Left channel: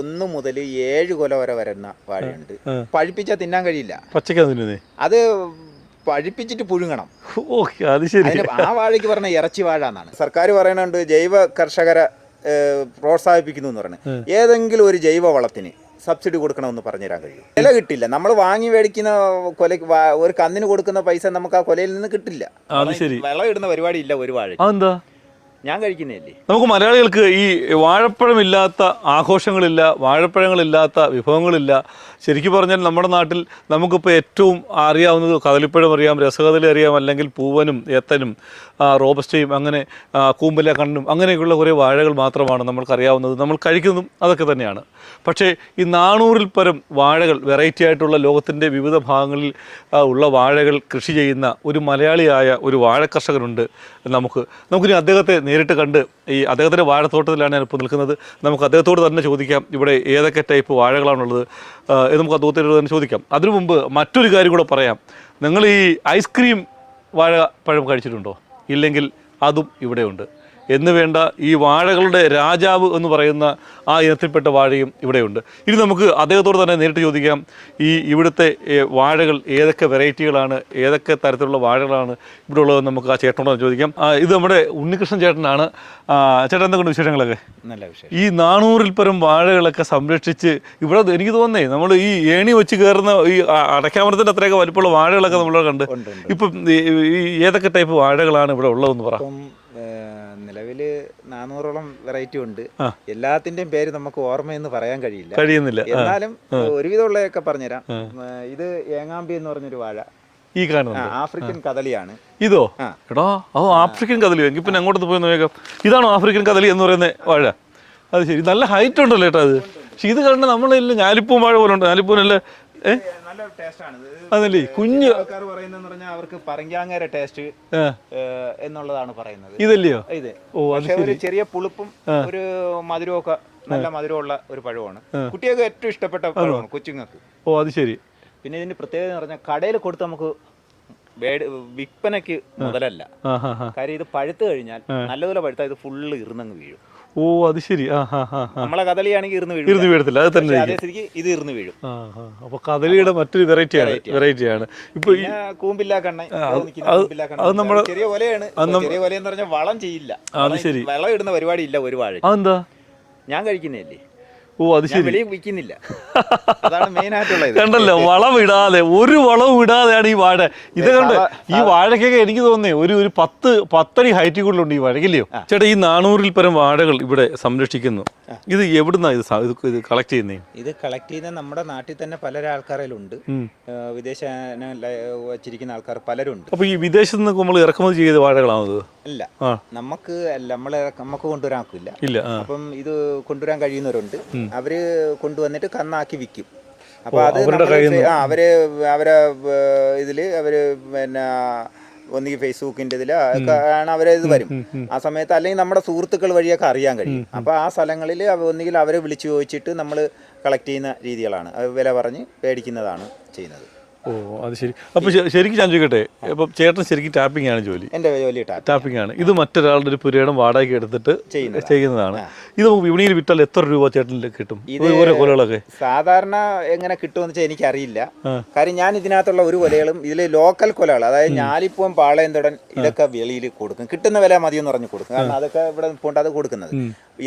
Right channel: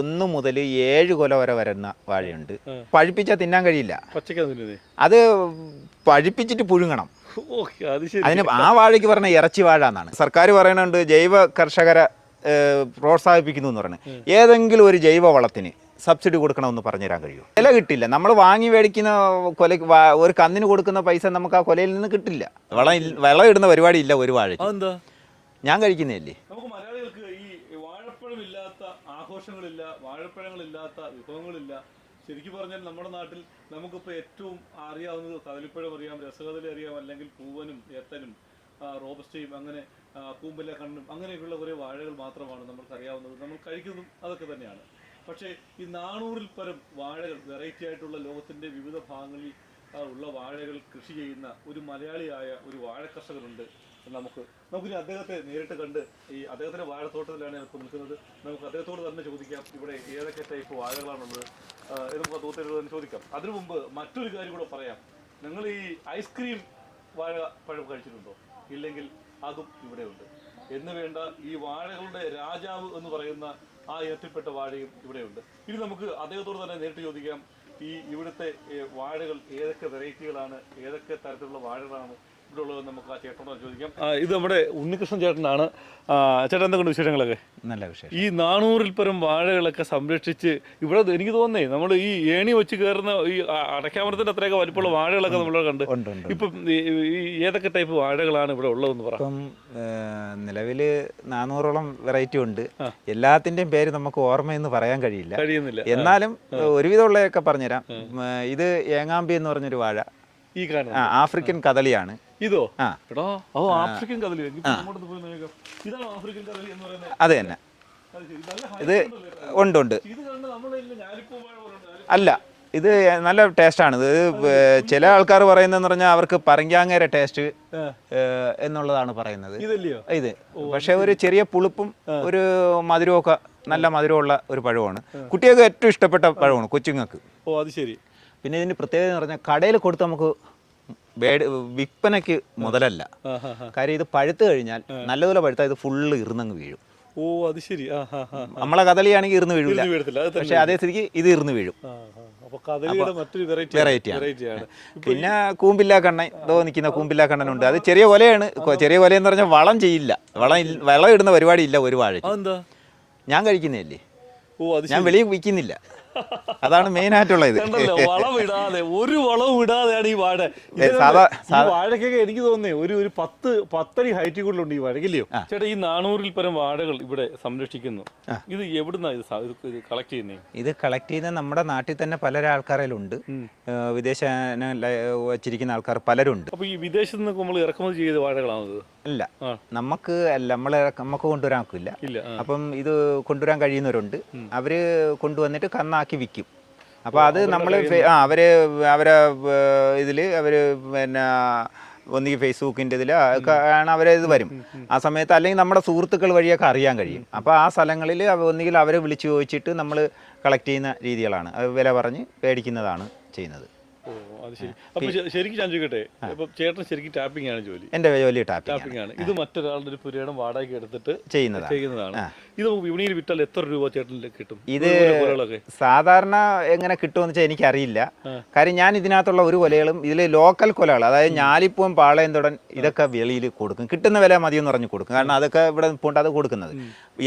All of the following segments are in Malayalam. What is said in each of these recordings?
1 മുതൽ 7 കൊല വരെ വരുന്ന വാഴയുണ്ട്. പഴുപ്പിച്ചാൽ തിന്നാൻ കഴിയില്ല, അത് പഴുപ്പിച്ചിട്ട് പുഴുങ്ങണം. അതിന് ആ വാഴയ്ക്ക് പറഞ്ഞ ഇറച്ചി വാഴ എന്നാണ്. സർക്കാർ പറയുന്നുണ്ട് ജൈവ കർഷകരെ പ്രോത്സാഹിപ്പിക്കുന്നു എന്ന് പറയുന്നത്. ഏതെങ്കിലും ഒരു ജൈവ വളത്തിന് സബ്സിഡി കൊടുക്കണമെന്ന് പറഞ്ഞുതരാൻ കഴിയും? വില കിട്ടില്ല. നമ്മൾ വാങ്ങി മേടിക്കുന്ന കൊല, ഒരു കന്നിന് കൊടുക്കുന്ന പൈസ നമുക്ക് ആ കൊലയിൽ നിന്ന് കിട്ടില്ല. വിള ഇടുന്ന പരിപാടി ഇല്ല ഒരു വാഴ. ഞാൻ കഴിക്കുന്നതല്ലേ. നമുക്ക് മലയാളികൾക്ക് ഈ വാഴപ്പഴമില്ലാത്ത ആഘോഷങ്ങളില്ല, വാഴപ്പഴങ്ങളില്ലാത്ത വിഭവങ്ങളില്ല. ശരിക്കും പറഞ്ഞാൽ നമ്മുടെ നാട്ടിൽ നമുക്കിപ്പോൾ ഏറ്റവും അറിയാവുന്നത് കദളിപ്പഴം അറിയാം, രസകദളി അറിയാം, അല്ലെങ്കിൽ പൂവനും ഏത്തനും റോബസ്റ്റയും അങ്ങനെ കൂമ്പല കണ്ണും അങ്ങനെയൊക്കെയുള്ള കുറേ വാഴകൾ മാത്രമാണ് നമ്മൾക്കറിയാവുന്നത്. നമ്മൾ കഴിക്കുന്നതും അതൊക്കെ തന്നെയാണ്. പക്ഷേ ഈ 400-ൽ പരം വാഴകൾ, വെറൈറ്റി ആയിട്ടുള്ള ലോകത്തിൻ്റെ വിവിധ ഭാഗങ്ങളിൽ ഉള്ള വാഴകൾ കൃഷി ചെയ്യുന്ന ഒരു മലയാളിയായ ഒരു വാഴ കർഷകനുണ്ട്. നമുക്കിനി അദ്ദേഹത്തെ നേരിട്ട് കണ്ട്, ഈ അദ്ദേഹത്തിൻ്റെ വാഴത്തോട്ടത്തിലാണ് ഞാനിപ്പോൾ നിൽക്കുന്നത്. നമുക്ക് അദ്ദേഹത്തോട് തന്നെ ചോദിക്കാം ഇവിടെ ഏതൊക്കെ ടൈപ്പ് വാഴകളാണുള്ളത് എന്ന് നമുക്ക് അദ്ദേഹത്തോട് തന്നെ ചോദിക്കാം. അതിനു മുമ്പ് മറ്റൊരു കാര്യം കൂടെ പറയാം. നിങ്ങൾ ഈ ഐസ്ക്രീം വാഴപ്പഴം കഴിച്ചിട്ടുണ്ടോ? ഇല്ലെങ്കിൽ അതും ഇവിടെയുണ്ട്. എന്ന് വേണ്ട ഈ വാഴകളുടെ രാജാവ് എന്ന് പറയുന്ന ആ ഇനത്തിൽപ്പെട്ട വാഴയും ഇവിടെയുണ്ട്. ഇനി നമുക്ക് അദ്ദേഹത്തോട് തന്നെ നേരിട്ട് ചോദിക്കാം, ഇവിടുത്തെ വാഴകൾ ഏതൊക്കെ വെറൈറ്റികളാണ്, ഏതൊക്കെ തരത്തിലുള്ള വാഴകളാണ് ഇവിടെ ഉള്ളത് നമുക്ക് ആ ചേട്ടനോട് ചോദിക്കാം. ഇത് നമ്മുടെ ഉണ്ണികൃഷ്ണൻ ചേട്ടനാണ്. ചേട്ടൻ എന്തൊക്കെയുണ്ട് വിശേഷങ്ങളൊക്കെ? നല്ല വിഷയം. ഈ 400-ൽ പരം വാഴകളൊക്കെ സംരക്ഷിച്ച് ഇവിടെ എനിക്ക് തോന്നുന്നേ നമ്മൾ ഈ ഏണി വെച്ച് കയറുന്ന ഈ അടയ്ക്കാമരത്തിൻ്റെ അത്രയൊക്കെ വലിപ്പമുള്ള വാഴകളൊക്കെ നമ്മൾ കണ്ട്. ഇപ്പം ഈ ഏതൊക്കെ ടൈപ്പ് വാഴകളാണ് ഇവിടെ ഉള്ളതെന്ന് പറ. നിലവിൽ 400ഓളം വെറൈറ്റി ഉണ്ട്. എല്ലാത്തിന്റെയും പേര് നമുക്ക് ഓർമ്മയെന്ന് പറയാൻ കഴിയുന്നില്ല. എന്നാലും ഒരുവിധമുള്ളതൊക്കെ പറഞ്ഞുതരാം. ഇത് ഏങ്ങാമ്പി എന്ന് പറഞ്ഞൊരു വാഴ, ഈ കാണുന്നത് ആഫ്രിക്കൻ കദളിയാണ്. ഇതോ? എടാ, അതോ ആഫ്രിക്കൻ കദളി. എങ്കിൽ പിന്നെ അങ്ങോട്ട് പോയി നോക്കാം. ഇതാണോ ആഫ്രിക്കൻ കദളി എന്ന് പറയുന്നത് വാഴ? അത് ശരി, നല്ല ഹൈറ്റ് ഉണ്ടല്ലോ ചേട്ടാ. അത് ഉണ്ട്. ഇത് കണ്ട് നമ്മളില്ല ഞാലിപ്പൂവും വാഴ പോലെ ഉണ്ട്. ഞാലിപ്പൂവല്ല, ഇത് നല്ല ടേസ്റ്റ് ആണ്. ഇത് ചില ആൾക്കാർ പറയുന്നതെന്ന് പറഞ്ഞാൽ അവർക്ക് പറങ്കാങ്ങര ടേസ്റ്റ് എന്നുള്ളതാണ് പറയുന്നത്. ഇതല്ലയോ ഇത്? പക്ഷെ ഒരു ചെറിയ പുളിപ്പും ഒരു മധുരമൊക്കെ, നല്ല മധുരമുള്ള ഒരു പഴമാണ്. കുട്ടികൾക്ക് ഏറ്റവും ഇഷ്ടപ്പെട്ട പഴമാണ്, കൊച്ചുങ്ങൾക്ക്. ഓ, അത് ശരി. പിന്നെ ഇതിന്റെ പ്രത്യേകത എന്ന് പറഞ്ഞാൽ കടയിൽ കൊടുത്ത് നമുക്ക് വിൽപ്പനയ്ക്ക് മുതലല്ല. കാര്യം ഇത് പഴുത്ത് കഴിഞ്ഞാൽ, നല്ലതുപോലെ പഴുത്താൽ ഇത് ഫുള്ള് ഇറുന്നങ്ങ് വീഴും. ഓ, അത് ശരി. നമ്മളെ കദളിയാണെങ്കിൽ ഇറുന്ന് വീഴത്തില്ല, അതേ സ്ഥിതിക്ക് ഇത് ഇറുന്ന് വീഴും. അപ്പൊ കദളിയുടെ മറ്റൊരു വെറൈറ്റിയാണ്. ഇപ്പൊ കൂമ്പില്ലാ കണ്ണ നിൽക്കുന്ന കൂമ്പില്ലാ കണ്ണ ചെറിയ കൊലയാണ്. ചെറിയ കൊലയെന്ന് പറഞ്ഞാൽ വളം ചെയ്യില്ല, വളം ഇടുന്ന പരിപാടി ഇല്ല ഒരു വാഴ. അതെന്താ? ഞാൻ കഴിക്കുന്നതല്ലേ. ഓ, അത് ശരി. വെളിയിൽ വിൽക്കുന്നില്ല, അതാണ് മെയിൻ ആയിട്ടുള്ളത്. കണ്ടല്ലോ, വളം ഇടാതെ, ഒരു വളവും ഇടാതെയാണ് ഈ വാഴ. ഇത് കണ്ട് ഈ വാഴക്കൊക്കെ എനിക്ക് തോന്നുന്നേ ഒരു 10 അടി ഹൈറ്റ് കൂടുതലുണ്ട് ഈ വാഴക്കില്ലയോ ചേട്ടാ? ഈ 400-ൽ പരം വാഴകൾ ഇവിടെ സംരക്ഷിക്കുന്നു. ഇത് എവിടുന്നാ ഇത് കളക്ട് ചെയ്യുന്നേ? ഇത് കളക്ട് ചെയ്യുന്ന നമ്മുടെ നാട്ടിൽ തന്നെ പല ആൾക്കാരിലുണ്ട്. വിദേശ വച്ചിരിക്കുന്ന ആൾക്കാർ പലരുണ്ട്. അപ്പൊ ഈ വിദേശത്ത് നിന്ന് നമ്മൾ ഇറക്കുമതി ചെയ്ത വാഴകളാണത്? അല്ല, നമുക്ക് കൊണ്ടുവരാൻ ഇല്ല. അപ്പം ഇത് കൊണ്ടുവരാൻ കഴിയുന്നവരുണ്ട്. അവര് കൊണ്ടുവന്നിട്ട് കന്നാക്കി വിൽക്കും. അപ്പൊ അത് അവരെ ഇതില് അവര് പിന്നെ ഒന്നീ ഫേസ്ബുക്കിന്റെ ഇതിൽ ആണ് അവരെ ഇത് വരും. ആ സമയത്ത് അല്ലെങ്കിൽ നമ്മുടെ സുഹൃത്തുക്കൾ വഴിയൊക്കെ അറിയാൻ കഴിയും. അപ്പൊ ആ സ്ഥലങ്ങളിൽ ഒന്നുകിൽ അവരെ വിളിച്ചു ചോദിച്ചിട്ട് നമ്മൾ കളക്ട് ചെയ്യുന്ന രീതികളാണ്. വില പറഞ്ഞ് മേടിക്കുന്നതാണ് ചെയ്യുന്നത്. ഓ, അത് ശരി. അപ്പൊ ശരിക്കും ഞാൻ ചോദിക്കട്ടെ, അപ്പൊ ചേട്ടൻ ശരിക്കും ടാപ്പിംഗ് ആണ് ജോലി? എന്റെ ജോലി ടാപ്പിംഗ് ആണ്. ഇത് മറ്റൊരാളുടെ ഒരു പുരയിടം വാടകയ്ക്ക് എടുത്തിട്ട് ചെയ്യുന്നതാണ്. ഇത് നമുക്ക് വിപണിയിൽ വിറ്റാൽ എത്ര രൂപ ചേട്ടനിൽ കിട്ടും? ഇത് ഓരോ കൊലകളൊക്കെ സാധാരണ എങ്ങനെ കിട്ടുമെന്ന് വെച്ചാൽ എനിക്കറിയില്ല. കാര്യം ഞാൻ ഇതിനകത്തുള്ള ഒരു കൊലകളും ഇതിൽ ലോക്കൽ കൊലകൾ, അതായത് ഞാലിപ്പൂവൻ, പാളയംതൊടൻ, ഇതൊക്കെ വെളിയിൽ കൊടുക്കും. കിട്ടുന്ന വില മതിയെന്ന് പറഞ്ഞ് കൊടുക്കും. കാരണം അതൊക്കെ ഇവിടെ പോണ്ടത് കൊടുക്കുന്നത്.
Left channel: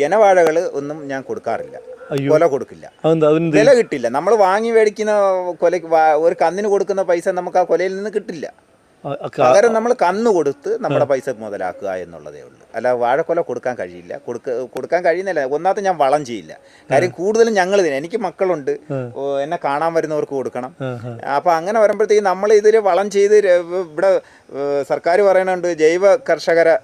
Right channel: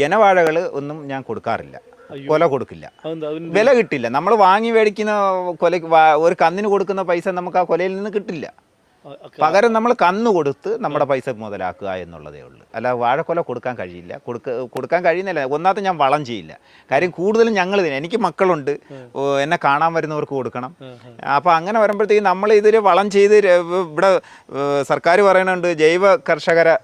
ഇനവാഴകൾ ഒന്നും ഞാൻ കൊടുക്കാറില്ല, കൊല കൊടുക്കില്ല, വില കിട്ടില്ല. നമ്മൾ വാങ്ങി മേടിക്കുന്ന കൊല, ഒരു കന്നിന് കൊടുക്കുന്ന പൈസ നമുക്ക് ആ കൊലയിൽ നിന്ന് കിട്ടില്ല. പകരം നമ്മൾ കന്ന് കൊടുത്ത് നമ്മുടെ പൈസ മുതലാക്കുക എന്നുള്ളതേ ഉള്ളൂ. അല്ല, വാഴക്കൊല കൊടുക്കാൻ കഴിയില്ല. കൊടുക്കാൻ കഴിയുന്നില്ല. ഒന്നാമത്തെ ഞാൻ വളം ചെയ്യില്ല. കാര്യം കൂടുതലും ഞങ്ങൾ എനിക്ക് മക്കളുണ്ട്, എന്നെ കാണാൻ വരുന്നവർക്ക് കൊടുക്കണം. അപ്പൊ അങ്ങനെ വരുമ്പോഴത്തേക്ക് നമ്മൾ ഇതിന് വളം ചെയ്ത് ഇവിടെ സർക്കാർ പറയുന്നുണ്ട് ജൈവ കർഷകരെ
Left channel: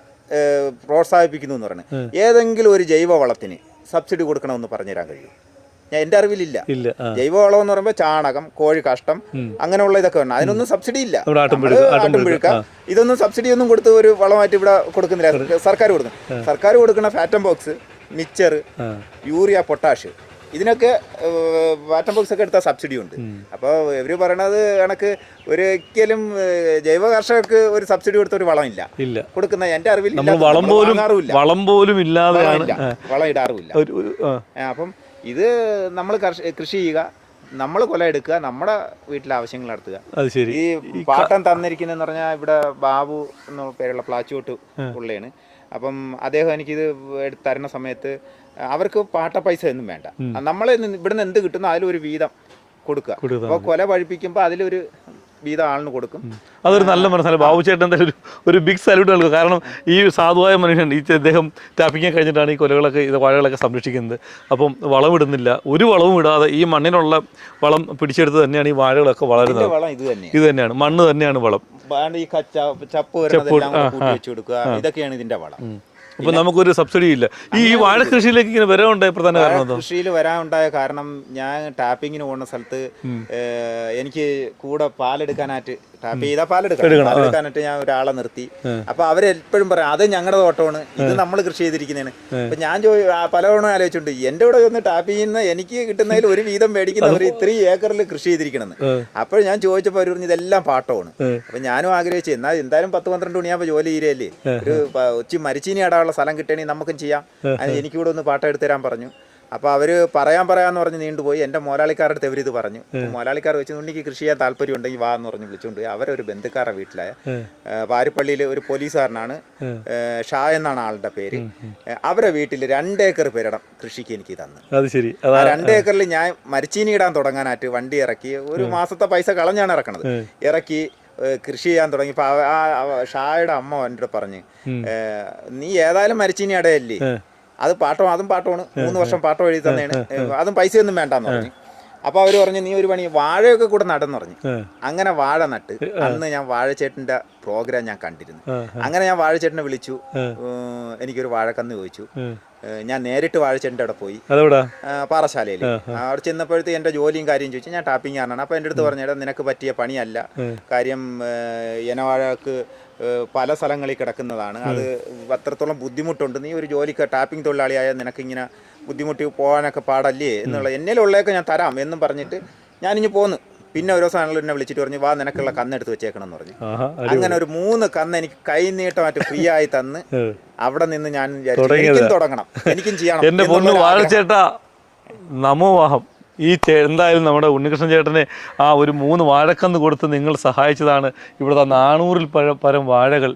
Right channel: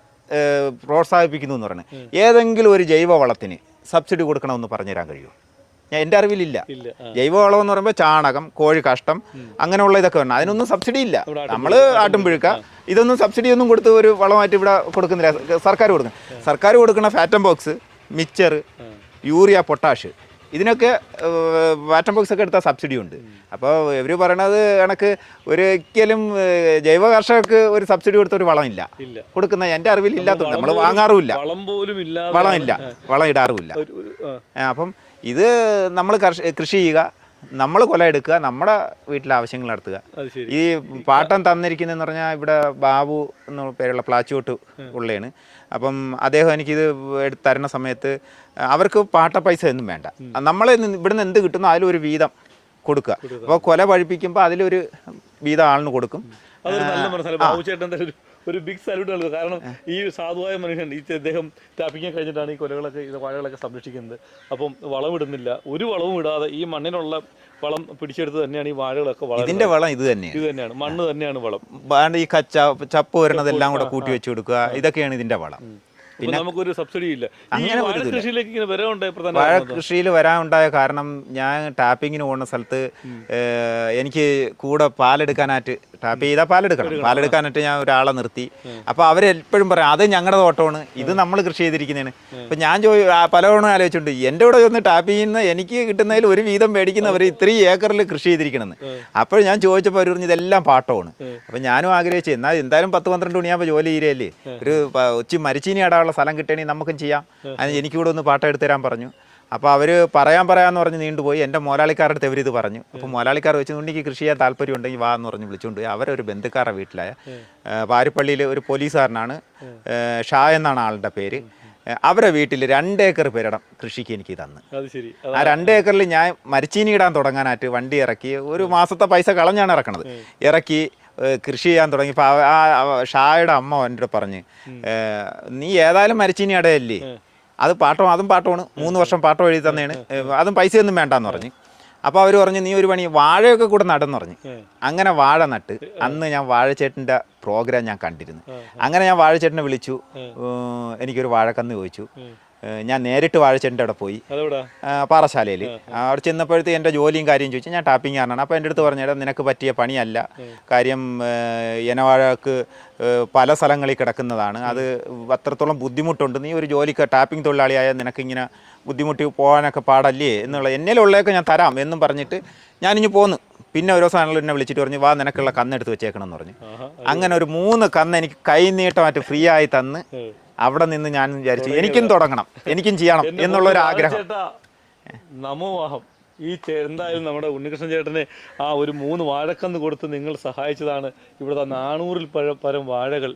പ്രോത്സാഹിപ്പിക്കുന്നു എന്ന് പറയുന്നത്. ഏതെങ്കിലും ഒരു ജൈവ വളത്തിന് സബ്സിഡി കൊടുക്കണമെന്ന് പറഞ്ഞുതരാൻ കഴിയും? എൻ്റെ അറിവിലില്ല. ജൈവവളം എന്ന് പറയുമ്പോൾ ചാണകം, കോഴി കാഷ്ടം, അങ്ങനെയുള്ള ഇതൊക്കെ വരണം. അതിനൊന്നും സബ്സിഡി ഇല്ല. നമ്മള് ആട്ടുംപിഴുക്ക, ഇതൊന്നും സബ്സിഡി ഒന്നും കൊടുത്ത് ഒരു വളമായിട്ട് ഇവിടെ കൊടുക്കുന്നില്ല. സർക്കാർ കൊടുക്കും. സർക്കാർ കൊടുക്കുന്ന ഫാറ്റം ബോക്സ്, മിക്സർ, യൂറിയ, പൊട്ടാഷ്, ഇതിനൊക്കെ വാറ്റം ബോക്സ് ഒക്കെ എടുത്താൽ സബ്സിഡി ഉണ്ട്. അപ്പോൾ ഇവർ പറയണത് കണക്ക് ഒരിക്കലും ജൈവ കർഷകർക്ക് ഒരു സബ്സിഡി കൊടുത്ത ഒരു വളം ഇല്ല കൊടുക്കുന്ന എൻ്റെ അറിവിൽ. വളം പോലും ഇല്ലാതെ വളം ഇടാറുമില്ല. അപ്പം ഇത് നമ്മൾ കൃഷി ചെയ്യുക, നമ്മൾ കൊല എടുക്കുക, നമ്മുടെ വീട്ടിലെ ആവശ്യങ്ങൾ നടത്തുക. അത് ശരി. ഈ പാട്ടം തന്നിരിക്കുന്നതെന്ന് പറഞ്ഞാൽ ഇവിടെ ബാബു എന്ന പേരുള്ള പ്ലാച്ചോട്ട് ഉള്ളതാണ്. അപ്പം അദ്ദേഹം എനിക്കിത് എടുത്ത് തരുന്ന സമയത്ത് അവർക്ക് പാട്ട പൈസ ഒന്നും വേണ്ട, നമ്മൾ ഇവിടുന്ന് എന്ത് കിട്ടുന്നോ അതിലൊരു വീതം കൊടുക്കുക. അപ്പോൾ കൊല പഴിപ്പിക്കുമ്പോൾ അതിലൊരു വീതം ആളിന് കൊടുക്കും. അതൊരു നല്ല മനസ്സിലാണ്. ബാബു ചേട്ടൻ എന്തായാലും ഒരു ബിഗ് സല്യൂട്ട് നൽകുക. കാരണം ഈ സാധുവായ മനുഷ്യൻ അദ്ദേഹം ടാപ്പിങ് കഴിഞ്ഞിട്ടാണ് ഈ കൊലകളൊക്കെ വാഴകളൊക്കെ സംരക്ഷിക്കുന്നത്. അപ്പം വളമിടുന്നില്ല, ഒരു വളവും ഇടാതെ ഈ മണ്ണിനുള്ള വളം പിടിച്ചെടുത്ത് തന്നെയാണ് ഈ വാഴകളൊക്കെ വളരുന്നത്. വളം ഇത് തന്നെയാണ്, മണ്ണ് തന്നെയാണ് വളം. ഈ ചപ്പ് വരുന്നതെല്ലാം കൂടെ കൂട്ടി വെച്ച് കൊടുക്കുക, ഇതൊക്കെയാണ് ഇതിന്റെ വളം. അപ്പൊ നമുക്കൊരു സബ്സിഡി ഇല്ല. ഈ വാഴ കൃഷിയിലേക്ക് ഇങ്ങനെ വരാനുണ്ടായ പ്രധാന കാരണം കൃഷിയിൽ വരാനുണ്ടായ കാരണം ഞാൻ ടാപ്പിങ്ങിന് പോകുന്ന സ്ഥലത്ത് എനിക്ക് കൂടെ പാലെടുക്കാനായിട്ട് ടാപ്പ് ചെയ്താൽ പാലെടുക്കാനായിട്ട് ഞാൻ ഒരാളെ നിർത്തി. അപ്പൊ അവരെപ്പോഴും പറയാം അത് ഞങ്ങളുടെ തോട്ടമാണ്, ഇത് നമ്മൾ കൃഷി ചെയ്തിരിക്കുന്നതാണ്. അപ്പൊ ഞാൻ പലവണ്ണം ആലോചിച്ചിട്ടുണ്ട്, എന്റെ കൂടെ ഒന്ന് ടാപ്പ് ചെയ്യുന്ന എനിക്ക് കിട്ടുന്നതിൽ ഒരു വീതം മേടിക്കുന്നവർ ഇത്രയും ഏക്കറിൽ കൃഷി ചെയ്തിരിക്കണമെന്ന്. അപ്പോൾ ഞാൻ ചോദിച്ചപ്പോൾ അവർ പറഞ്ഞു ഇതെല്ലാം പാട്ടമാണ്. അപ്പൊ ഞാനും ആഗ്രഹിച്ചു എന്നാൽ എന്തായാലും 10-12 മണിയാകുമ്പോൾ ജോലി തീരെയല്ലേ, ഒരു ഉച്ച മരിച്ചീനി ഇടാനുള്ള സ്ഥലം കിട്ടണമെങ്കിൽ നമുക്കും ചെയ്യാം, അത് എനിക്കൂടെ ഒന്ന് പാട്ടം എടുത്തു തരാൻ പറഞ്ഞു. അപ്പോൾ അവർ പറയാമെന്ന് പറഞ്ഞ് നീണ്ടുപോയി. എൻ്റെ മോലാളിക്കാരുടെ അടുത്ത് ഇവരിത് പറഞ്ഞു. അപ്പോൾ മോലാളിക്കാർ വെച്ചുകൊണ്ട് എനിക്ക് കൃഷി ചെയ്യാൻ താല്പര്യമുണ്ടെങ്കിൽ വാ എന്ന് പറഞ്ഞ് വിളിച്ചുകൊണ്ട് അവരൊരു ബന്ധുക്കാരുടെ വീട്ടിലായ പാരിപ്പള്ളിയിൽ ഒരു പോലീസുകാരനാണ്, ഷാ എന്നാണ് ആളുടെ പേര്. അവരെ വീട്ടിൽ 2 ഏക്കർ പേരിടം കൃഷിക്ക് എനിക്ക് തന്നു. ആ 2 ഏക്കറിൽ ഞാൻ മരിച്ചീനി ഇടാൻ തുടങ്ങാനായിട്ട് വണ്ടി ഇറക്കി, ഒരു മാസത്തെ പൈസ കളഞ്ഞാണ് ഇറക്കണത്, ഇറക്കി കൃഷി ചെയ്യാൻ തുടങ്ങിയപ്പോൾ ആ ഷായുടെ അമ്മ എൻ്റെ അടുത്ത് പറഞ്ഞ് നീ ഏതായാലും മരിച്ചീനി ഇടയല്ലേ, അത് അതും പാട്ടമാണ്, 3 വർഷം പാട്ടം എഴുതി തന്നെയാണ്, അതും പൈസയൊന്നും വേണ്ടെന്ന് പറഞ്ഞു. അപ്പോൾ അവർ പറഞ്ഞു നീ ഒരു പണി വാഴയൊക്കെ കൂടെ നടെന്ന് പറഞ്ഞു. അങ്ങനെ വാഴ നട്ട് അന്ന് ഞാൻ വാഴച്ചേട്ടൻ്റെ പ്രോഗ്രാം ഞാൻ കണ്ടിരുന്നു. അങ്ങനെ ഞാൻ വാഴച്ചേട്ടനെ വിളിച്ചു, എനിക്കൊരു വാഴക്കന്ന് ചോദിച്ചു. ഞാൻ നേരിട്ട് വാഴച്ചേട്ടൻ്റെ അവിടെ പോയി, പാറശാലയിൽ. അവിടെ ചെന്നപ്പോഴത്തെ എൻ്റെ ജോലിയും കാര്യം ചോദിച്ചു. ഞാൻ ടാപ്പിംഗ് കാരണമാണ്. അപ്പോൾ എൻ്റെ അടുത്ത് പറഞ്ഞാൽ നിനക്ക് പറ്റിയ പണിയല്ല, കാര്യം ഇനവാഴക്ക് പല സ്ഥലങ്ങളിൽ കിടക്കുന്നതാണ്, അത് അത്രത്തോളം ബുദ്ധിമുട്ടുണ്ട്, നീ ഒരു ജോലിക്ക് ടാപ്പിംഗ് തൊഴിലാളിയായ നിനക്കിങ്ങനെ ബുദ്ധിമുട്ടി പോകാനൊക്കെ പാടല്ലേ എന്നുള്ള, എന്നേലുള്ളതൊക്കെ ഞാൻ തരാം എന്നും പറഞ്ഞിട്ട് ഞാനിഞ്ഞ് പോന്നു. പിന്നെ ഓരോ സാധനങ്ങൾ എന്നെ വിളിച്ചിട്ട് പറഞ്ഞു വാ നിനക്കുള്ള കന്നെടുത്ത് വെച്ചേക്കണം എന്ന് പറഞ്ഞു. അങ്ങനെ ഒരു 3 കന്ന് എനിക്ക് കൈ നീട്ടമായിട്ട് ഫ്രീ ആയി തന്ന് അവിടെ നിന്ന് ഞാൻ വിചാരിച്ചു എനിക്കും തുടങ്ങണം, എനിക്കും ചെയ്യണം. നമോവാഹം. ഈ എന്തായാലും നമ്മുടെ ഉണ്ണികൃഷ്ണൻ ചേട്ടന് ആ ഒരു 3 വാഴക്കന്ന് കൊടുത്ത് നിങ്ങൾ സഹായിച്ചതാണ് ഇവിടുത്തെ 400-ൽ പരം വാഴകൾ,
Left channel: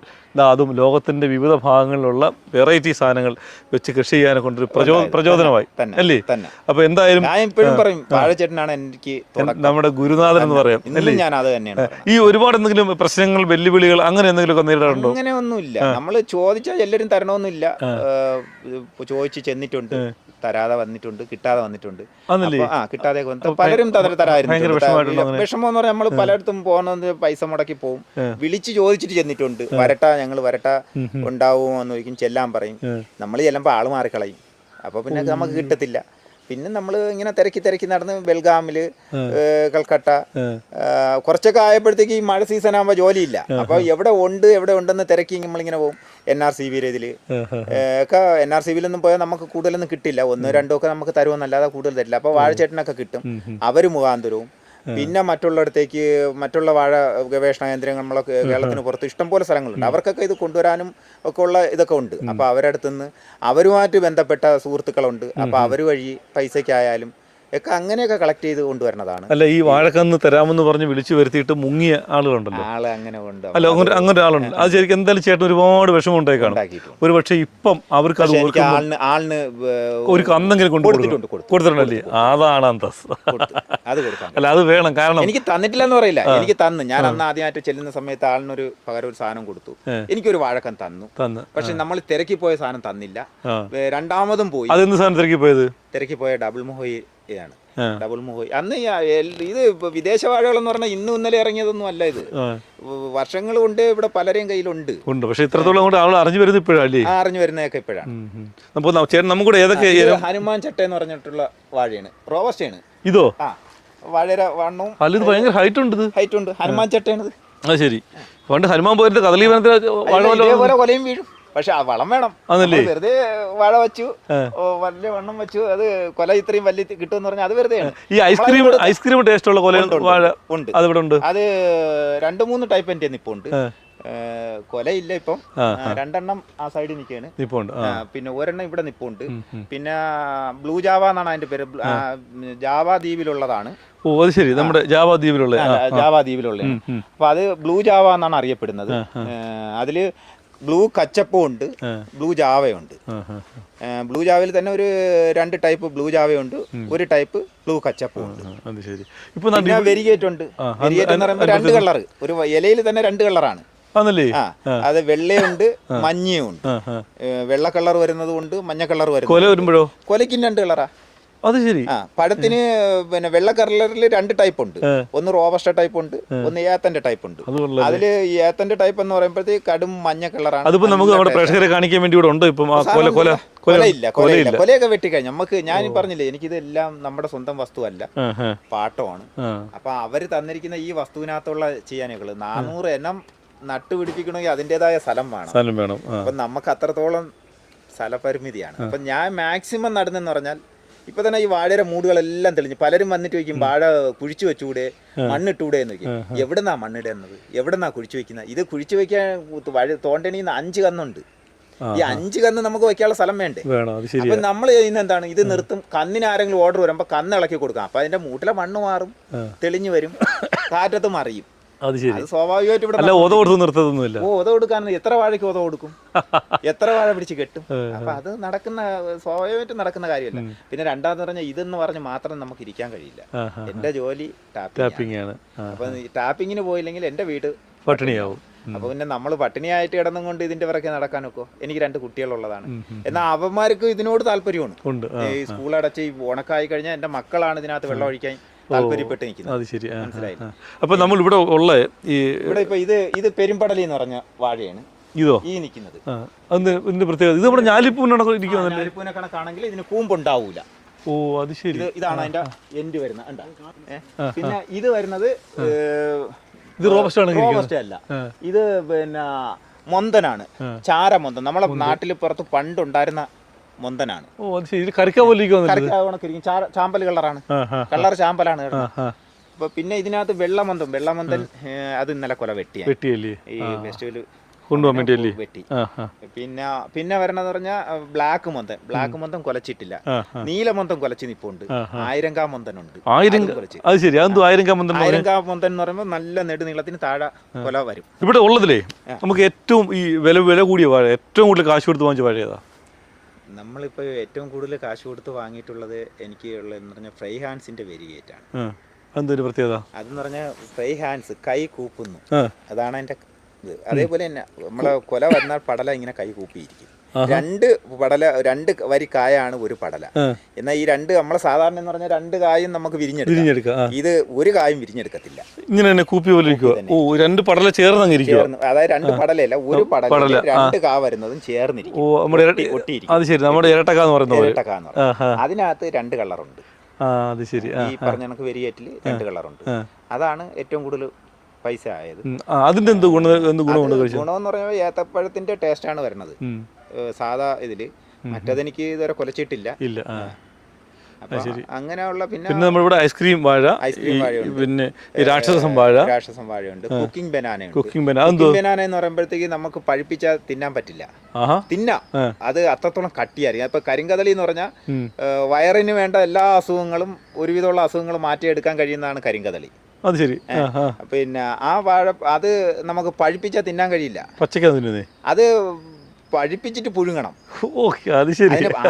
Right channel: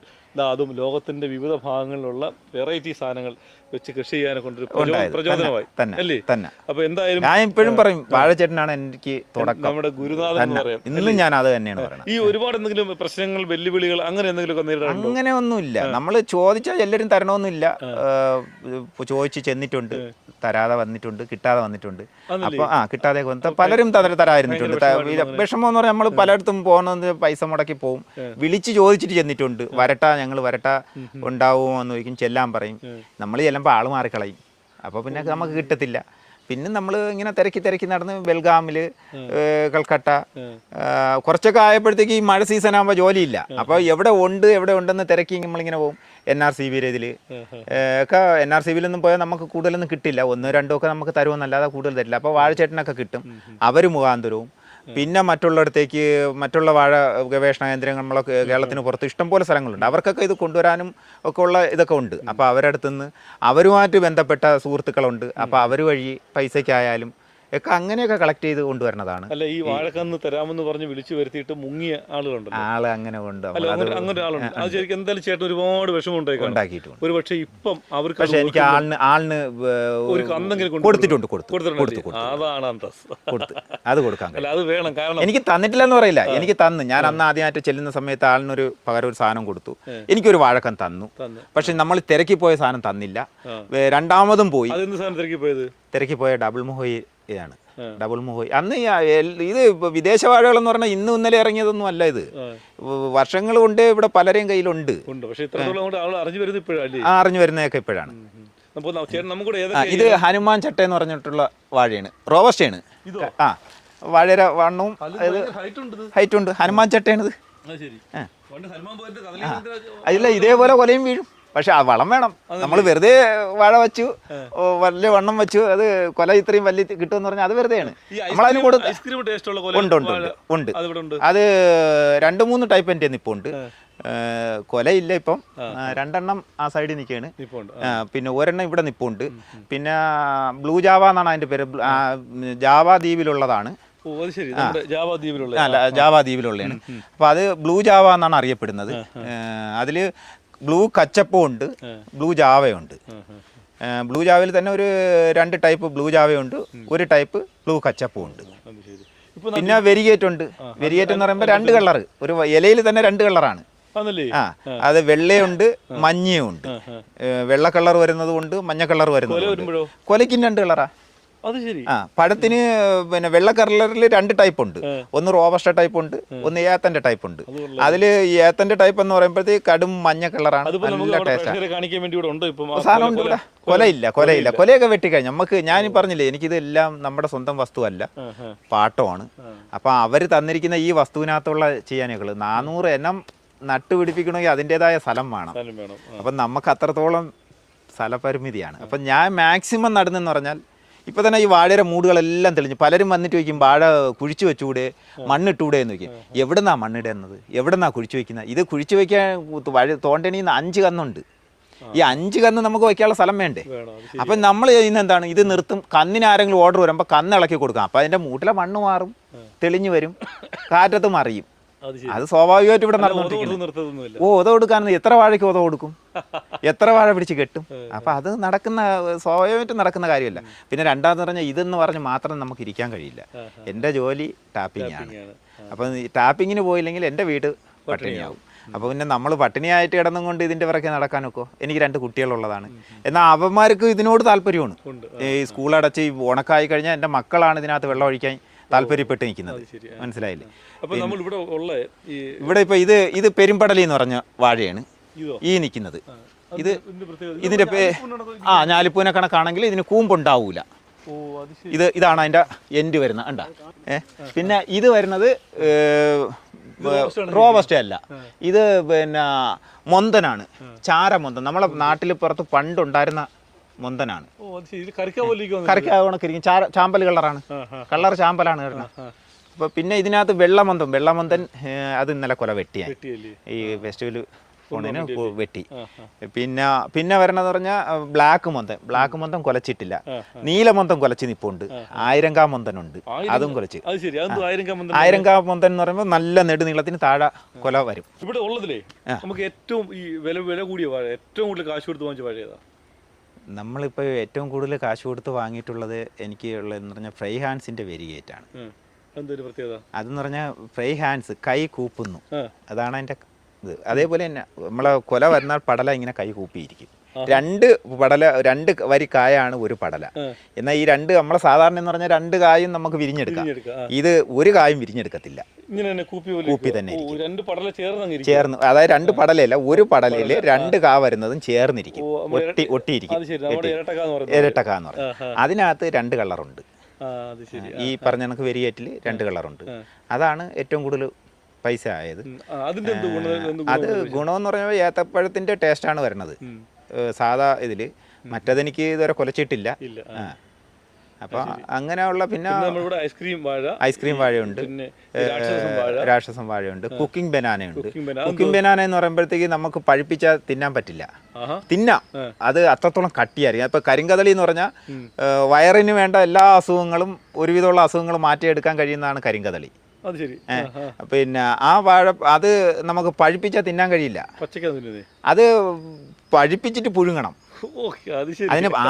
അതും ലോകത്തിൻ്റെ വിവിധ ഭാഗങ്ങളിലുള്ള വെറൈറ്റി സാധനങ്ങൾ വെച്ച് കൃഷി ചെയ്യാനെ കൊണ്ടൊരു പ്രചോദനമായി അല്ലേ? അപ്പോൾ എന്തായാലും ഞാൻ ഇപ്പോഴും പറയും വാഴച്ചേട്ടനാണ് എനിക്ക് നമ്മുടെ ഗുരുനാഥൻ എന്ന് പറയാം. ഞാൻ അത് തന്നെയാണ്. ഈ ഒരുപാട് എന്തെങ്കിലും പ്രശ്നങ്ങൾ, വെല്ലുവിളികൾ അങ്ങനെ എന്തെങ്കിലുമൊക്കെ നേരിടാറുണ്ടോ? അങ്ങനെ ഒന്നുമില്ല. നമ്മൾ ചോദിച്ചാൽ എല്ലാവരും തരണമെന്നില്ല. ചോദിച്ച് ചെന്നിട്ടുണ്ട്, തരാതെ വന്നിട്ടുണ്ട്, കിട്ടാതെ വന്നിട്ടുണ്ട്. കിട്ടാതെ പലരും തരായിരുന്നു. വിഷമം എന്ന് പറഞ്ഞാൽ നമ്മൾ പലയിടത്തും പോകുന്നത് പൈസ മുടക്കി പോകും. വിളിച്ച് ചോദിച്ചിട്ട് ചെന്നിട്ടുണ്ട്, വരട്ടാ ഞങ്ങൾ വരട്ടാ ഉണ്ടാവുമോ എന്ന് ചോദിക്കും, ചെല്ലാൻ പറയും. നമ്മൾ ചെല്ലുമ്പോൾ ആള് മാറിക്കളയും, അപ്പോൾ പിന്നെ നമുക്ക് കിട്ടത്തില്ല. പിന്നെ നമ്മൾ ഇങ്ങനെ തിരക്കി നടന്ന് ബെൽഗാമിൽ, കൽക്കട്ട കുറച്ചൊക്കെ ആയപ്പോഴത്തേക്ക് ഈ മഴ സീസൺ ആകുമ്പോൾ ജോലിയില്ല. അപ്പോൾ എവിടെ ഉണ്ടെന്ന് തിരക്കി നമ്മളിങ്ങനെ പോകും. NRCB ഇതിൽ ഒക്കെ NRCBയിലൊന്നും പോയാൽ നമുക്ക് കൂടുതലൊന്നും കിട്ടില്ല, 1-2 ഒക്കെ നമുക്ക് തരുമെന്നല്ലാതെ കൂടുതൽ തരില്ല. അപ്പോൾ വാഴച്ചേട്ടനൊക്കെ കിട്ടും, അവർ മുഖാന്തരവും. പിന്നെ മറ്റുള്ള വാഴ ഗവേഷണ കേന്ദ്രങ്ങൾ നമ്മളൊക്കെ കേരളത്തിന് പുറത്ത് ഇഷ്ടംപോലെ സ്ഥലങ്ങളുണ്ട്, അവർക്കൊക്കെ ഇത് കൊണ്ടുവരാനും ഒക്കെ ഉള്ള ഇതൊക്കെ ഉണ്ട്. അപ്പോൾ അവരുടെ അടുത്തുനിന്ന് അവരുമായിട്ട് ബന്ധപ്പെട്ട സുഹൃത്തുക്കളുണ്ട്, അപ്പോൾ അവർ വഴി പൈസയ്ക്കായാലും ഒക്കെ അങ്ങനെയൊക്കെ കളക്ട് ചെയ്ത് കൊണ്ടുവരുന്നതാണ്. അല്ല, ഈ വാഴക്കന്ന് തരാമെന്ന് പറഞ്ഞ് വിളിച്ചു വരുത്തിയിട്ട് മുങ്ങിയ ആളുകളുണ്ടല്ലോ, അങ്ങനെ ഉണ്ട്. അല്ല, അങ്ങനെ ആളുണ്ട്. അത് ശരിക്കും എന്തായാലും ചേട്ടൻ ഒരുപാട് വിഷമം ഉണ്ടാക്കിയിട്ടുണ്ട്. ഒരു പക്ഷേ ഇപ്പം അവർക്ക് ആളിന് ഒരു കന്നെങ്കിലും കൊടുത്തിട്ടുണ്ടല്ലേ? അതാണ് അന്തസ്. അത് കൊടുക്കാം. അല്ല, അത് വേണം. കാരണം എനിക്ക് തന്നിട്ടില്ലെന്ന് പറയില്ല, എനിക്ക് തന്നു. ഞാൻ അന്ന് ആദ്യമായിട്ട് ചെല്ലുന്ന സമയത്ത് ആളിനൊരു പകരം ഒരു സാധനം കൊടുത്തു, എനിക്കൊരു വാഴക്കൻ തന്നു. പക്ഷെ നമ്മൾ തിരക്കി പോയ സാധനം തന്നില്ല. രണ്ടാമതും പോയി. അതെന്ത് സാധനം തിരക്കി പോയ ഡബിൾ മൊഹോയി ആണ്. ഡബിൾ മൊഹോയി അന്ന് ഇത് വിദേശ വാഴകളെന്ന് പറഞ്ഞാൽ ഇന്നലെ ഇറങ്ങിയതൊന്നും അല്ല, ഇത് വർഷങ്ങൾ കൊണ്ട് ഇവിടെ പലരെയും കയ്യിലുണ്ട്. പക്ഷെ ഇത്രത്തോളം അറിഞ്ഞു വരുന്നത് ഇപ്പോഴല്ലേ? അറിഞ്ഞു വരുന്നതൊക്കെ ഇപ്പോഴാണ്. ഹനുമാൻ ചട്ട എന്ന് പറഞ്ഞിട്ടുള്ള വാഴയാണ്, റോബസ്റ്റയാണ്. ഇതോ? വാഴ വണ്ണവും ഭയങ്കര ഹൈറ്റ് ഉണ്ട്. ഹനുമാൻ ചട്ടയാണിത്. ശരി. പണ്ട് ഹനുമാൻ പോയിട്ട് കദളി ഇതേപോലെ കൊലയും വീഴും. പക്ഷെ ആ വളം വേണം. വെറുതെ വാഴ വെച്ചു, വലിയ വണ്ണം വെച്ചു, അത് കൊല ഇത്രയും വലിയ കിട്ടുമെന്ന് പറഞ്ഞാൽ അത് വെറുതെയാണ്. ഈ ഐസ്ക്രീം ടേസ്റ്റ് ഉള്ള കൊല ഉണ്ട്. അത് 2-3 ടൈപ്പ് എൻ്റെ ഇപ്പോൾ ഉണ്ട്. കൊലയില്ല ഇപ്പം. 2 എണ്ണം ആ സൈഡിൽ നിൽക്കുകയാണ്. പിന്നെ ഒരെണ്ണം ഇവിടെ നിപ്പുണ്ട്. പിന്നെ ബ്ലൂ ജാവ എന്നാണ് അതിന്റെ പേര്. ജാവ ദ്വീപിലുള്ളതാണ്. ഓ അത് ശരി, നമ്മുടെ ജാവ ദ്വീപിലുള്ള അപ്പൊ അത് ബ്ലൂ ജാവ എന്നാണ് അറിയപ്പെടുന്നത്. അതില് ബ്ലൂ കച്ചപ്പും ഉണ്ട്, ബ്ലൂ ജാവയുണ്ട്. ബ്ലൂ ജാവയിൽ തന്നെ ഒരു 2 ടൈപ്പ് ബ്ലൂ ജാവയുണ്ട്, ഒരു ടൈപ്പ് ബ്ലൂ കച്ചപ്പും ഉണ്ട്. പിന്നെ വെരിഗേറ്റ് ഉണ്ട്. വെരിഗേറ്റ് എന്ന് പറയുമ്പോൾ 2 കളർ, ഒരു ഇലയിൽ തന്നെ 2 കളറാണ്. അത് വെള്ളയുണ്ട്, മഞ്ഞയുണ്ട്. വെള്ള കളർ വരുന്നത് കൊണ്ട് മഞ്ഞ കളർ വരുന്നത്. കൊലയ്ക്കും 2 കളറാ. അത് ശരി. പഴത്തിന് പിന്നെ വെള്ള കളറിൽ 2 ടൈപ്പ് ഉണ്ട്. ഒന്ന് റോബസ്റ്റ ടൈപ്പ് ഉണ്ട്, ഒന്ന് ഏത്തന്റെ ടൈപ്പ് ഉണ്ട്. അതില് ഏത്തന്റെ ടൈപ്പ് എന്ന് പറയുമ്പോഴത്തേക്ക് കടും മഞ്ഞ കളറാണ്. അതിപ്പോ നമുക്ക് നമ്മുടെ പ്രേക്ഷകരെ കാണിക്കാൻ വേണ്ടി ഇവിടെ ഉണ്ട്. ഇപ്പം കൊലയില്ല. കൊലയൊക്കെ വെട്ടിക്കഴിഞ്ഞു. നമുക്ക് ഞാൻ പറഞ്ഞില്ലേ, എനിക്കിതെല്ലാം നമ്മുടെ സ്വന്തം വസ്തുവല്ല, പാട്ടമാണ്. അപ്പൊ അവര് തന്നിരിക്കുന്ന ഈ വസ്തുവിനകത്തുള്ള ചെയ്യാനുകള് 400 എണ്ണം നട്ടുപിടിപ്പിക്കണമെങ്കിൽ അതിൻ്റെതായ സ്ഥലം വേണം. അപ്പൊ നമുക്ക് അത്രത്തോളം സ്ഥലപരിമിതിയാണ്. അപ്പൊ ഞാൻ മാക്സിമം നടുന്നെന്ന് പറഞ്ഞാൽ ഇപ്പൊ തന്നെ ഈ വാഴയുടെ മൂടുകളെല്ലാം തെളിഞ്ഞു. പലരും വന്നിട്ട് ചോദിക്കും, വാഴ കുഴിച്ചു വെച്ചുകൂടെ, മണ്ണിട്ടൂടെ എന്ന് ചോദിക്കും. എവിടെന്നാ മണ്ണിടുന്നത്, എവിടെന്നാ കുഴിച്ചു വെക്കുന്നത്? ഇത് കുഴിച്ചു വെക്കാൻ തോണ്ടണിന്ന് 5 കന്നുണ്ട്. ഈ 5 കന്ന് നമുക്ക് വെക്കാനുള്ള സ്ഥലം വേണ്ടേ? അപ്പൊ നമ്മൾ ചെയ്യുന്ന എന്താണ്, ഇത് നിർത്തും. കന്നിന് ആരെങ്കിലും ഓർഡർ വരുമ്പോ കന്ന് ഇളക്കി കൊടുക്കാം. അപ്പൊ അതിന്റെ മൂട്ടിലെ മണ്ണ് മാറും, തെളിഞ്ഞു വരും, കാറ്റത്ത് മറിയും. അത് സ്വാഭാവികമായിട്ട് ഇവിടെ ഓത കൊടുക്കാൻ എത്ര വാഴയ്ക്ക് ഓത കൊടുക്കും, എത്ര വാഴ പിടിച്ച് കെട്ടും. അപ്പൊ അത് സ്വാഭാവികമായിട്ട് നടക്കുന്ന കാര്യമല്ല. പിന്നെ രണ്ടാമത് പറഞ്ഞാൽ ഇതെന്ന് പറഞ്ഞ് മാത്രം നമുക്ക് ഇരിക്കാൻ കഴിയില്ല. എന്റെ ജോലി ടാപ്പിംഗ് ആണ്. അപ്പൊ ടാപ്പിങ്ങിന് പോയില്ലെങ്കിൽ എന്റെ വീട് പട്ടിണിയാവും. അപ്പൊ പിന്നെ നമ്മൾ പട്ടിണിയായിട്ട് കിടന്നും കൊണ്ട് ഇതിന്റെ പിറകെ നടക്കാനൊക്കെ. എനിക്ക് 2 കുട്ടികളുള്ളതാണ്. എന്നാൽ അവന്മാർക്ക് ഇതിനോട് താല്പര്യമാണ്. ഈ സ്കൂൾ അടച്ച് ഉണക്കായി കഴിഞ്ഞാൽ എന്റെ മക്കളാണ് ഇതിനകത്ത് വെള്ളം ഒഴിക്കാൻ താല്പര്യപ്പെട്ട് നിൽക്കുന്നത്. മനസ്സിലായില്ല? അപ്പൊ നമ്മൾ ഇവിടെ ഉള്ള ഇവിടെ ഇപ്പൊ ഇത് പെരുമ്പടലി എന്ന് പറഞ്ഞ വാഴയാണ്. ഇതോ ഈ നിൽക്കുന്നത് ഞാലിപ്പൂനെ കണക്കാണെങ്കിൽ ഇതിന് കൂമ്പുണ്ടാവൂല. ഇതാണ് അതിന്റെ എൻഡ് വരുന്ന കണ്ട. പിന്നെ ഇത് വരുന്നത് റോബസ്റ്റ അല്ല, ഇത് പിന്നെ മൊന്തനാണ്, ചാരമൊന്തൻ. നമ്മളെ നാട്ടിൽ പുറത്ത് പണ്ടുണ്ടായിരുന്ന മൊന്തനാണ്. ചാമ്പൽ കളറാണ്, കളർ ചാമ്പലാണ്. അപ്പൊ പിന്നെ ഇതിനകത്ത് വെള്ളമൊന്തൻ അത് ഇന്നലെ കൊല വെട്ടിയല്ലേ ഈ ഫെസ്റ്റിവല് വെട്ടി. പിന്നെ വരണത് പറഞ്ഞാൽ ബ്ലാക്ക് മൊന്തൻ കൊലച്ചിട്ടില്ല. നീലമൊന്തൻ കൊലച്ച് നിപ്പുണ്ട്. 1000 മൊന്തനുണ്ട്. 1000 മൊന്തൻ എന്ന് പറയുമ്പോൾ നല്ല നെടുനീളത്തിന് താഴെ കൊല വരും. ഇവിടെ ഉള്ളതിലേ നമുക്ക് ഏറ്റവും ഈ വില കൂടിയ വാഴ, ഏറ്റവും കൂടുതൽ കാശ് കൊടുത്ത് വാങ്ങിച്ച വാഴ ഏതാ? നമ്മളിപ്പോ ഏറ്റവും കൂടുതൽ കാശ് കൊടുത്ത് വാങ്ങിയിട്ടുള്ളത് എനിക്ക് ഉള്ളതെന്ന് പറഞ്ഞാൽ ഫ്രൈ ഹാൻഡ്സിന്റെ വെരിഗേറ്റ് ആണ്. പ്രത്യേകത അതെന്ന് പറഞ്ഞാൽ ഫ്രൈ ഹാൻഡ്സ് കൈ കൂപ്പുന്നു, അതാണ് അതിന്റെ ഇത്. അതേപോലെ തന്നെ നമ്മളെ കൊല വന്നാൽ പടല ഇങ്ങനെ കൈ കൂപ്പിയിരിക്കും. 2 വരി കായാണ് ഒരു പടല. എന്നാൽ ഈ 2 നമ്മളെ സാധാരണ എന്ന് പറഞ്ഞാൽ 2 കായും നമുക്ക് വിരിഞ്ഞെടുക്കാം. ഇത് ഒരു കായും വിരിഞ്ഞെടുക്കത്തില്ല. ഇങ്ങനെ കൂപ്പി പോലെ 2 പടല ചേർന്ന്, അതായത് 2 പടലല്ല, ഒരു പടല 2 കാ വരുന്നതും ചേർന്നിരിക്കും, ഒട്ടിയിരിക്കും. അതിനകത്ത് 2 കളറുണ്ട്. ഈ പറഞ്ഞ കണക്ക് വെരിയേറ്റിൽ 2 കളറുണ്ട്. അതാണ് ഏറ്റവും കൂടുതൽ പൈസ ആയത്. അതിന്റെ ഗുണമെന്ന് പറഞ്ഞാൽ ഏത്തപ്പഴത്തിന്റെ ടേസ്റ്റ് ആണ് വരുന്നത് സാധാ ഇതില്. മറ്റതെനിക്ക് ഇതുവരെ കൊലച്ചിട്ടില്ല. അപ്പൊ അങ്ങനെയുള്ള പിന്നെ നമ്മളിവിടെ ഐസ്ക്രീം വാഴയുണ്ട്, പിന്നെ രാക്ഷസം വാഴയുണ്ട്, കുക്കിംഗ് ബനാന എന്ന് പറയുമ്പോഴത്തേക്ക് നമുക്ക് പഴുപ്പിച്ചാൽ തിന്നാൻ പറ്റില്ല. അത് അത്രത്തോളം കട്ടിയായിരിക്കും. ഇപ്പൊ കരിങ്കദളി എന്ന് പറഞ്ഞാൽ വയറിന് വേണ്ട എല്ലാ അസുഖങ്ങളും, ഒരുവിധമുള്ള അസുഖങ്ങൾ മാറ്റിയെടുക്കാൻ കഴിയുന്നതാണ് കരിങ്കദളി. അത് ശരി. പിന്നെ ആ വാഴ അത് നമുക്ക് പഴുപ്പിച്ചാൽ തിന്നാൻ കഴിയില്ല. അത് പഴുപ്പിച്ചിട്ട് പുഴുങ്ങണം.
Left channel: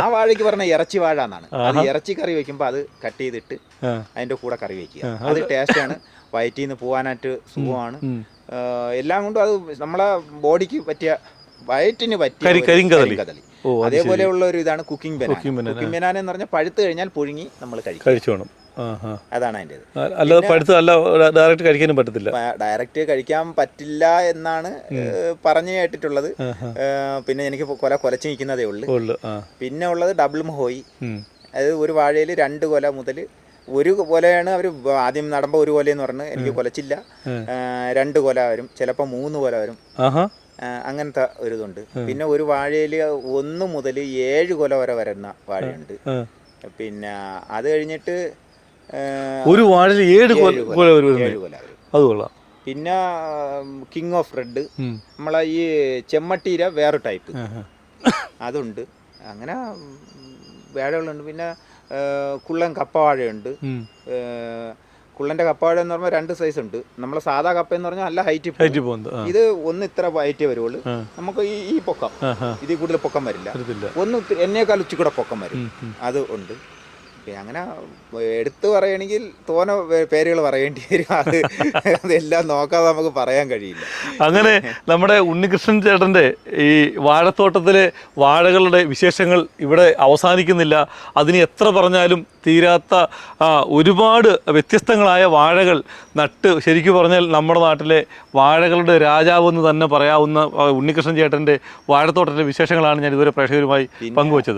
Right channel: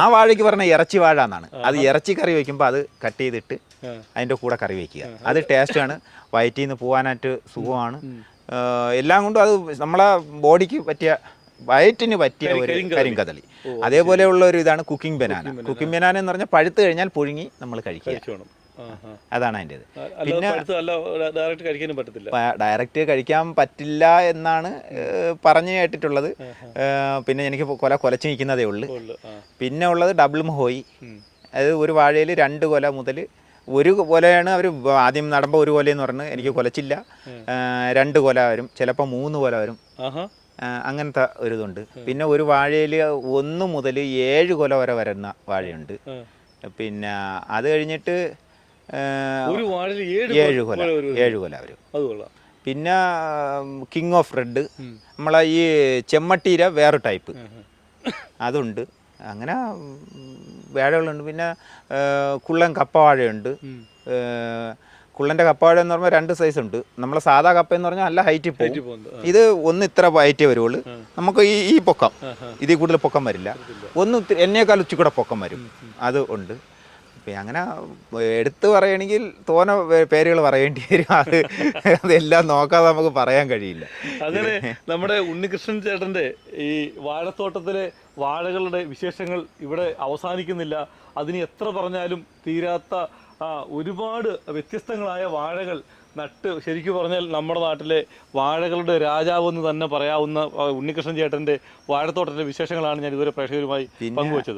ആ വാഴയ്ക്ക് പറഞ്ഞ ഇറച്ചി വാഴ എന്നാണ്. അത് ഇറച്ചി കറി വയ്ക്കുമ്പോൾ അത് കട്ട് ചെയ്തിട്ട് അതിന്റെ കൂടെ കറി വയ്ക്കുക. അത് ടേസ്റ്റാണ്, വയറ്റിൽ നിന്ന് പോകാനായിട്ട് സുഖമാണ്. എല്ലാം കൊണ്ടും അത് നമ്മളെ ബോഡിക്ക് പറ്റിയ, വയറ്റിന് പറ്റിയ കരിങ്കദളി. അതേപോലെയുള്ള ഒരു ഇതാണ് കുക്കിംഗ് ബനാന എന്ന് പറഞ്ഞാൽ പഴുത്ത് കഴിഞ്ഞാൽ പുഴുങ്ങി നമ്മൾ കഴിക്കണം. അതാണ് അതിൻ്റെ. ഡയറക്റ്റ് കഴിക്കാൻ പറ്റില്ല എന്നാണ് പറഞ്ഞു കേട്ടിട്ടുള്ളത്. പിന്നെ എനിക്ക് കൊലച്ച് നിൽക്കുന്നതേ ഉള്ളു. പിന്നെ ഉള്ളത് ഡബിൾ മഹോയി. അത് ഒരു വാഴയിൽ 2 കൊല മുതൽ, ഒരു കൊലയാണ് അവർ ആദ്യം നടുമ്പോൾ ഒരു കൊലയെന്ന് പറഞ്ഞ് എനിക്ക് കൊലച്ചില്ല. 2 കൊല വരും, ചിലപ്പോൾ 3 കൊല വരും. അങ്ങനത്തെ ഒരു ഇതുണ്ട്. പിന്നെ ഒരു വാഴയിൽ 1 മുതൽ 7 കൊല വരെ വരുന്ന വാഴയുണ്ട്. പിന്നെ അത് കഴിഞ്ഞിട്ട് ഒരു വാഴയിൽ 7 കൊല വരും. അത് കൊള്ളാം. പിന്നെ കിങ് ഓഫ് റെഡ്, നമ്മളെ ഈ ചെമ്മട്ടീര വേറെ ടൈപ്പ് അതുണ്ട്. അങ്ങനെ വാഴകളുണ്ട്. പിന്നെ കുള്ളൻ കപ്പവാഴയുണ്ട്. കുള്ളൻ്റെ കപ്പവാഴ എന്ന് പറഞ്ഞാൽ 2 സൈസ് ഉണ്ട്. നമ്മളെ സാധാ കപ്പ എന്ന് പറഞ്ഞാൽ നല്ല ഹൈറ്റ് പോകുന്നത്. ഇത് ഒന്ന് ഇത്ര ഹൈറ്റേ വരുള്ളൂ. നമുക്ക് ഈ പൊക്കം ഇതിൽ കൂടുതൽ പൊക്കം വരില്ല. ഒന്ന് എന്നേക്കാൾ ഉച്ചക്കൂടെ പൊക്കം വരും. അത് ഉണ്ട്. പിന്നെ അങ്ങനെ എടുത്തു പറയുകയാണെങ്കിൽ തോന പേരുകൾ പറയേണ്ടി വരും. അതെല്ലാം നോക്കാതെ നമുക്ക് പറയാൻ കഴിയില്ല. അങ്ങനെ നമ്മുടെ ഉണ്ണികൃഷ്ണൻ ചേട്ടൻ്റെ ഈ വാഴത്തോട്ടത്തിലെ വാഴകളുടെ വിശേഷങ്ങൾ ഇവിടെ അവസാനിക്കുന്നില്ല. അതിന് എത്ര പറഞ്ഞാലും തീരാത്ത ഒരുപാട് വ്യത്യസ്തങ്ങളായ വാഴകൾ നട്ട് ശരിക്കും പറഞ്ഞാൽ നമ്മുടെ നാട്ടിലെ വാഴകളുടെ രാജാവെന്ന് തന്നെ പറയാവുന്ന ഉണ്ണികൃഷ്ണൻ ചേട്ടൻ്റെ വാഴത്തോട്ടത്തിലെ വിശേഷങ്ങളാണ് ഞാൻ ഇതുവരെ പ്രേക്ഷകരുമായി പങ്കുവച്ചത്.